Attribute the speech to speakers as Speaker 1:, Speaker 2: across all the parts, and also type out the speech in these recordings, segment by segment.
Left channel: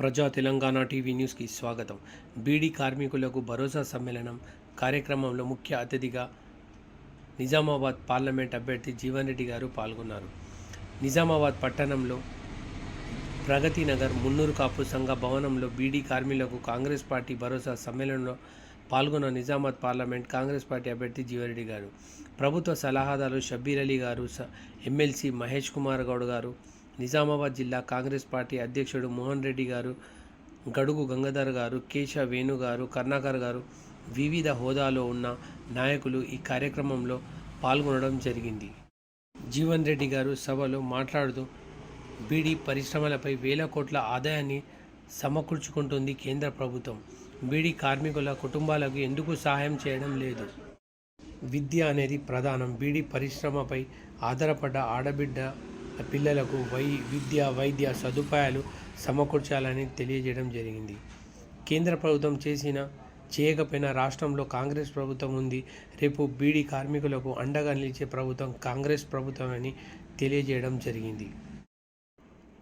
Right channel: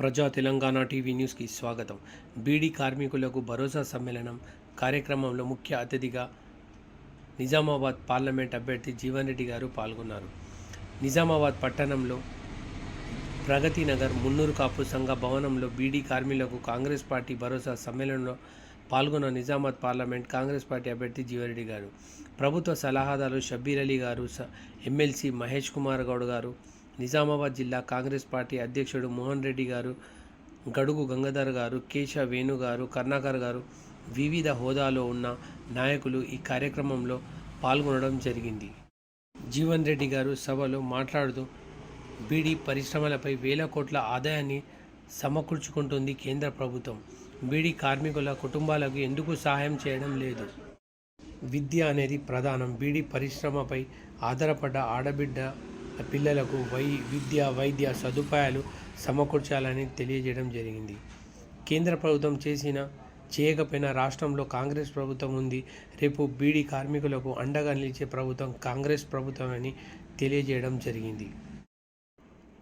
Speaker 1: ప్రజా తెలంగాణ టీవీ న్యూస్కి స్వాగతం. బీడీ కార్మికులకు భరోసా సమ్మేళనం కార్యక్రమంలో ముఖ్య అతిథిగా నిజామాబాద్ పార్లమెంట్ అభ్యర్థి జీవన్ రెడ్డి గారు పాల్గొన్నారు. నిజామాబాద్ పట్టణంలో ప్రగతి నగర్ మున్నూరు కాపు సంఘ భవనంలో బీడీ కార్మికులకు కాంగ్రెస్ పార్టీ భరోసా సమ్మేళనంలో పాల్గొన్న నిజామాబాద్ పార్లమెంట్ కాంగ్రెస్ పార్టీ అభ్యర్థి జీవరెడ్డి గారు. ప్రభుత్వ సలహాదారు షబ్బీర్ అలీ గారు స- ఎమ్మెల్సీ మహేష్ కుమార్ గౌడ్ గారు నిజామాబాద్ జిల్లా కాంగ్రెస్ పార్టీ అధ్యక్షుడు మోహన్ రెడ్డి గారు గడుగు గంగాధర్ గారు కేశ వేణు గారు కర్ణాకర్ గారు వివిధ హోదాలో ఉన్న నాయకులు ఈ కార్యక్రమంలో పాల్గొనడం జరిగింది. జీవన్ రెడ్డి గారు సభలో మాట్లాడుతూ బీడీ పరిశ్రమలపై వేల కోట్ల ఆదాయాన్ని సమకూర్చుకుంటుంది కేంద్ర ప్రభుత్వం. బీడీ కార్మికుల కుటుంబాలకు ఎందుకు సహాయం చేయడం లేదు? విద్య అనేది ప్రధానం. బీడీ పరిశ్రమపై ఆధారపడ్డ ఆడబిడ్డ పిల్లలకు వై విద్య వైద్య సదుపాయాలు సమకూర్చాలని తెలియజేయడం జరిగింది. కేంద్ర ప్రభుత్వం చేసిన చేయకపోయినా రాష్ట్రంలో కాంగ్రెస్ ప్రభుత్వం ఉంది. రేపు బీడీ కార్మికులకు అండగా నిలిచే ప్రభుత్వం కాంగ్రెస్ ప్రభుత్వం అని తెలియజేయడం జరిగింది.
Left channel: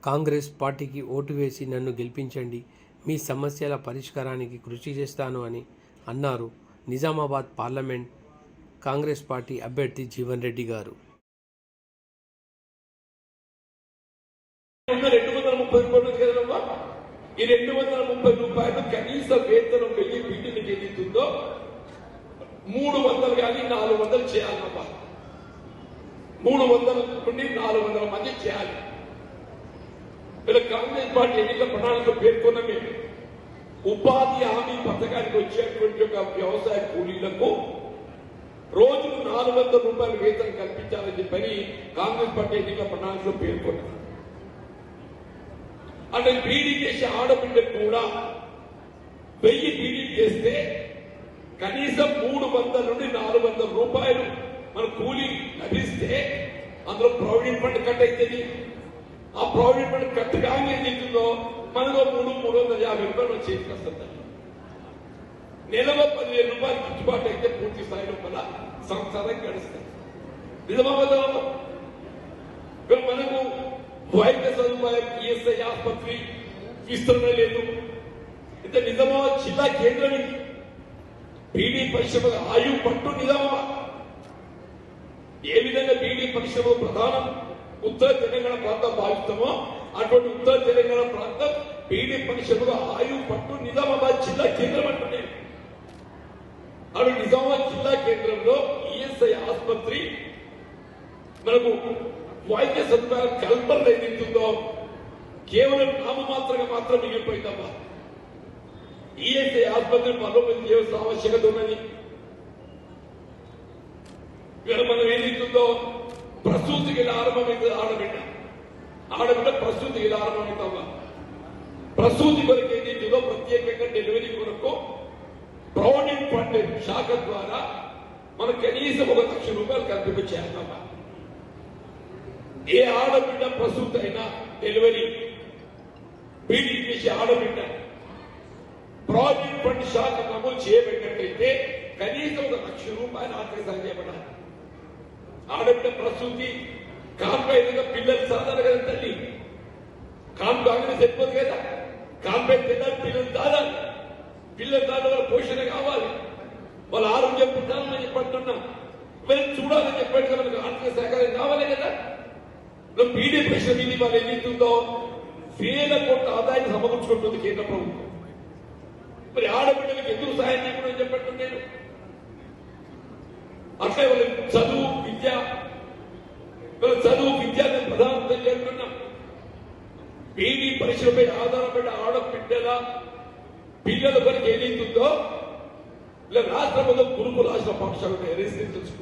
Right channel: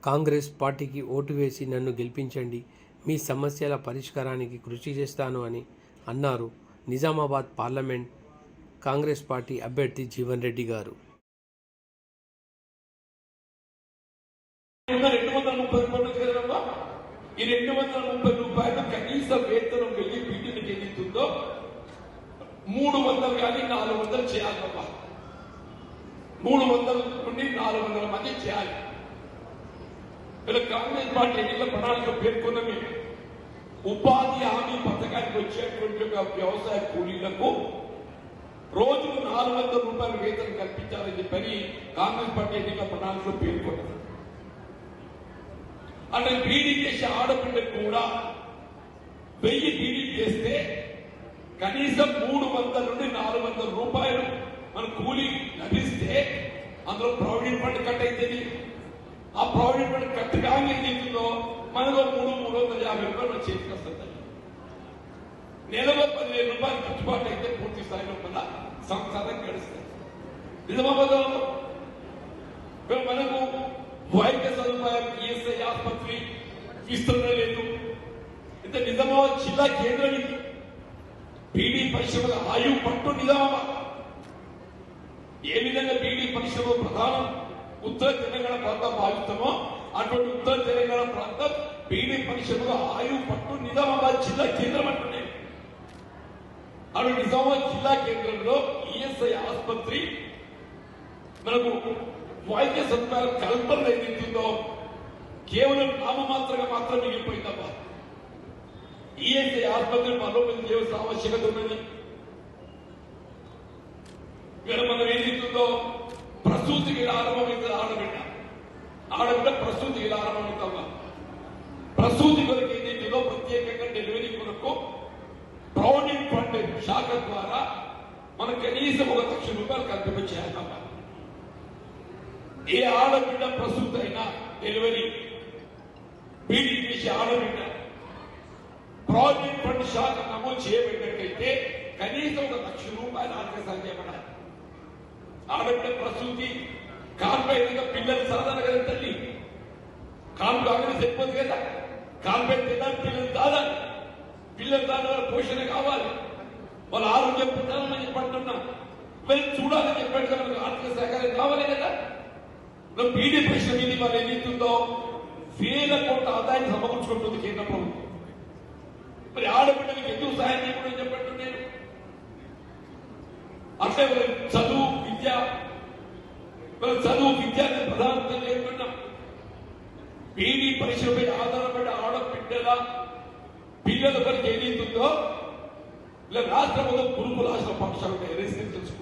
Speaker 1: కాంగ్రెస్ పార్టీకి ఓటు వేసి నన్ను గెలిపించండి. మీ సమస్యల పరిష్కారానికి కృషి చేస్తాను అని అన్నారు నిజామాబాద్ పార్లమెంట్ కాంగ్రెస్ పార్టీ అభ్యర్థి జీవన్ రెడ్డి గారు
Speaker 2: ఉన్న రెండు వందల ముప్పై రూపాయలు కదమ్మా ఈ రెండు వందల ముప్పై రూపాయలు కనీస వేతనం వెళ్ళి వీటిని చెల్లిస్తుందో మూడు వందలు కానీ నాలుగు వందలు చేయాలమ్మా మూడు వందల నుండి నాలుగు వందల మంది చేయాలి. ఇలా కాంగ్రెస్ పార్టీ ఎన్నికల ప్రణాళిక మేము ఉపాధి హామీ పథకానికి వచ్చేటువంటి ఒక వ్యవసాయ కూలీలకు రోజుకు నాలుగు వందల రూపాయలు వేతనం కల్పించాలని చెప్పని కాంగ్రెస్ పార్టీ ఎన్నికల ప్రణాళికలో పేర్కొన్నారు అంటే బీడీ చేసే ఆడబిడ్డకు కూడా వెయ్యి బీడీ చేస్తే కనీసం మూడు వందల నుండి నాలుగు వందల రూపాయలు మన కూలీ లభిస్తే అందులో ప్రావిడెంట్ ఫండ్ కట్ అయితేనే. ఆ ప్రావిడెంట్ ఫండ్ కట్ కాగా ఏదైతుందో మనలో మూడు మూడు వందల యాభై రూపాయలు మన చేతికి వస్తుంది నెలలో పదివేల రూపాయలు గిట్టుబాటు అయితే పూర్తి స్థాయిలో మన సంవత్సరానికి గడుస్తుంది. మనకు మరి వైద్య సదుపాయం ఈఎస్ఐ ఆసుపత్రి విస్తరణ లేదు. అయితే నిజామాబాద్ జిల్లా కేంద్రం ఇది. బీడీ పరిశ్రమల ఆయు పట్టు నిజామాబాద్ ఏ విధంగా బీడీ పరిశ్రమ ప్రధానం ఉత్తర తెలంగాణ ప్రాంతం భావిస్తామో అటువంటి ఉత్తర తెలంగాణ ప్రాంతం బీడీ పరిశ్రమల ఆయు పట్టు నిజామాబాద్ జిల్లా కేంద్రం అంటున్నాయి అటు నిజామాబాద్ జిల్లా కేంద్రంలో ఈఎస్ఐ ఆసుపత్రి మనకు వైద్య సదుపాయాల కల్పన ఏదైతుందో కేవలం నామమాత్రంగా మాత్రం మిగిలిపోయిందమ్మా ఈఎస్ఐ ఆసుపత్రి బలోపేతం చేయాల్సిన ఆవశ్యకత ఉన్నది. ఇక్కడ మనం ఏదైతుందో ప్రసూతికి ఆరంభమైంది ఆడబిడ్డ ఆడబిడ్డ ప్రసూతికి ఆరంభమవుతామా ప్రసూతి కొరకు ఏదైతుందో ప్రత్యేకంగా డెలివరీ కొరకు ప్రౌఢింగ్ ఫండ్ శాఖ ద్వారా మనం కనీసం ఒక లక్ష రూపాయలు కల్పించాలన్నమాట ఏ ఆడబిడ్డ ప్రసూతి డెలివరీ. బీడీ చేసే ఆడబిడ్డ. ప్రాజెక్ట్ ఫండ్ శాఖ నమోదు చేయబడినట్లయితే కనీసం ఒక లక్ష రూపాయలు ఆర్థిక చేయబడాలి. ఆడబిడ్డ ప్రసూతి కాన్పైగా పిల్లలు సాధారణ కదా తల్లి? కాన్పు అనేది సరిపోదు కదా? కాన్పై తిన్నారు పిల్లలు తాదాలి పిల్లలు దాని వాళ్ళ పోషణ కావాలి. వాళ్ళ ఆరోగ్యం పెట్టాలని చెప్పంటున్నాం వీళ్ళని చూడాలని చెప్పాడు కదా మనకు ఆర్థిక సహకారం కావాలి కదా ఇప్పుడు బీడీ ప్రెషర్ మీద వాళ్ళు ఏదైతుందో వేల కోట్ల ఆదాయం సమకూర్చుకుంటుంది కేంద్ర ప్రభుత్వం. మరి ఆడపిల్లలకు ఎందుకు సహాయం చేయకుండా చెప్పండి నేను? అట్లే వాళ్ళ చదువు విద్య వాళ్ళ చదువు విద్య ప్రధానంగా చెప్తున్నాం బీడీ పరిశ్రమపై ఆధారపడిన ఆడపిల్లల పిల్లల వరకు ఏదైతుందో ఇలా రాష్ట్రంలో గురుకుల రాష్ట్ర పక్షాలు ఉంటాయి రెసిడెన్షియల్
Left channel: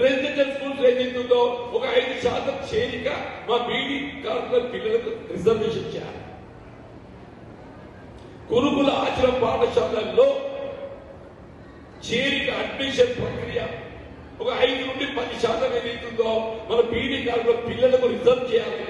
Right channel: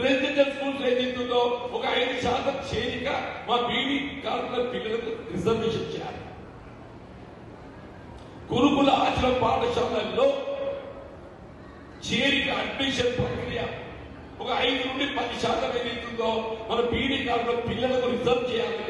Speaker 2: రెసిడెన్షియల్ స్కూల్స్ ఏదైతుందో ఒక ఐదు శాతం చేరిక మా బీడీ కార్పొరేట్ పిల్లలకు రిజర్వేషన్ చేయాలి. గురుకుల ఆచరణ పాఠశాలల్లో చేరిక అడ్మిషన్ ప్రక్రియ ఒక ఐదు నుండి పది శాతం ఏదైతుందో మన బీడీ కార్పొరేట్ పిల్లలకు రిజర్వ్ చేయాలి.